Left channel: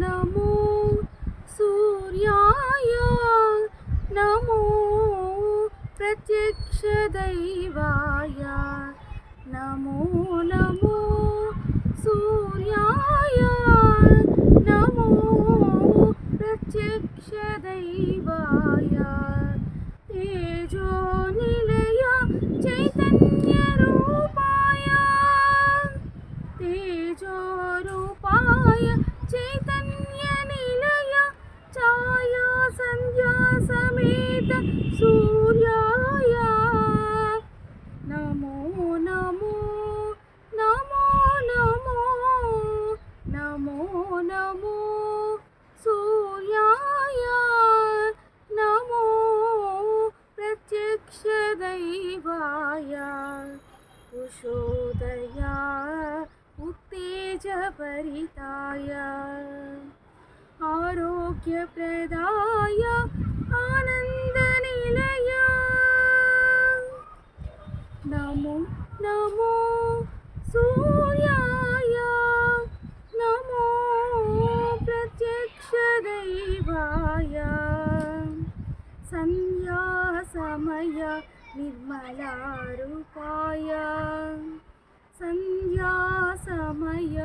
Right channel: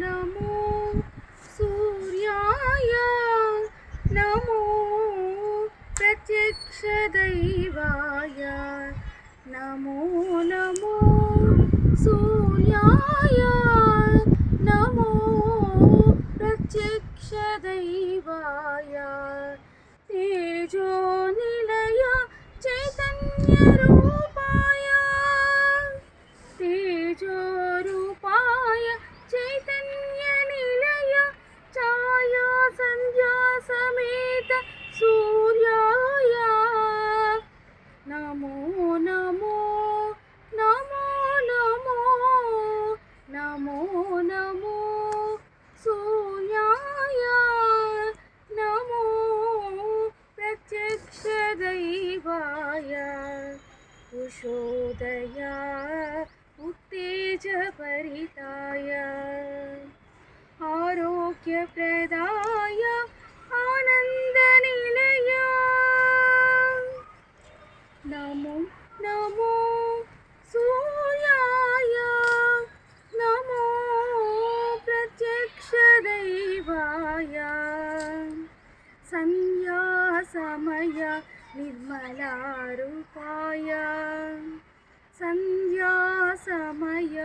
नमो सूर्याय नमो प्रत्यक्षदैवाय नमो नमो सूर्याय नमो प्रत्यक्षदैवाय तेजो निलय चैतन्यरूपाय तेजोरूपाय चैतन्यनिलय छाया संध्या समेत सूर्याय नमो नमो नमो नमो नमो नमो सूर्याय नमो प्रत्यक्षदैवाय उषोदया उत्तेजभरिताय आरोग्यप्रदाय आनन्दनिलय नमो नमो सूर्याय नमो प्रत्यक्षदैवाय सन्ध्यासमय निर्मलारूपाय सन्ध्यासमय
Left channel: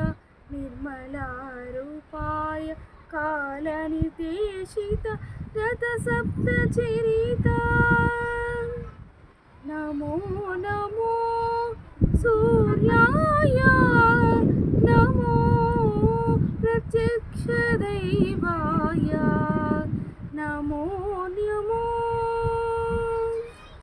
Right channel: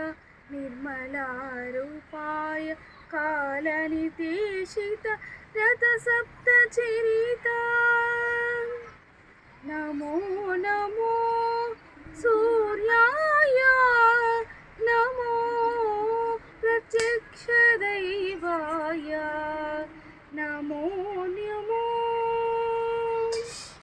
निर्मलारूपाय कालनिर्देशित रथसप्तचरिता नमो नमो सूर्याय नमो प्रत्यक्षदैवाय नमो नमो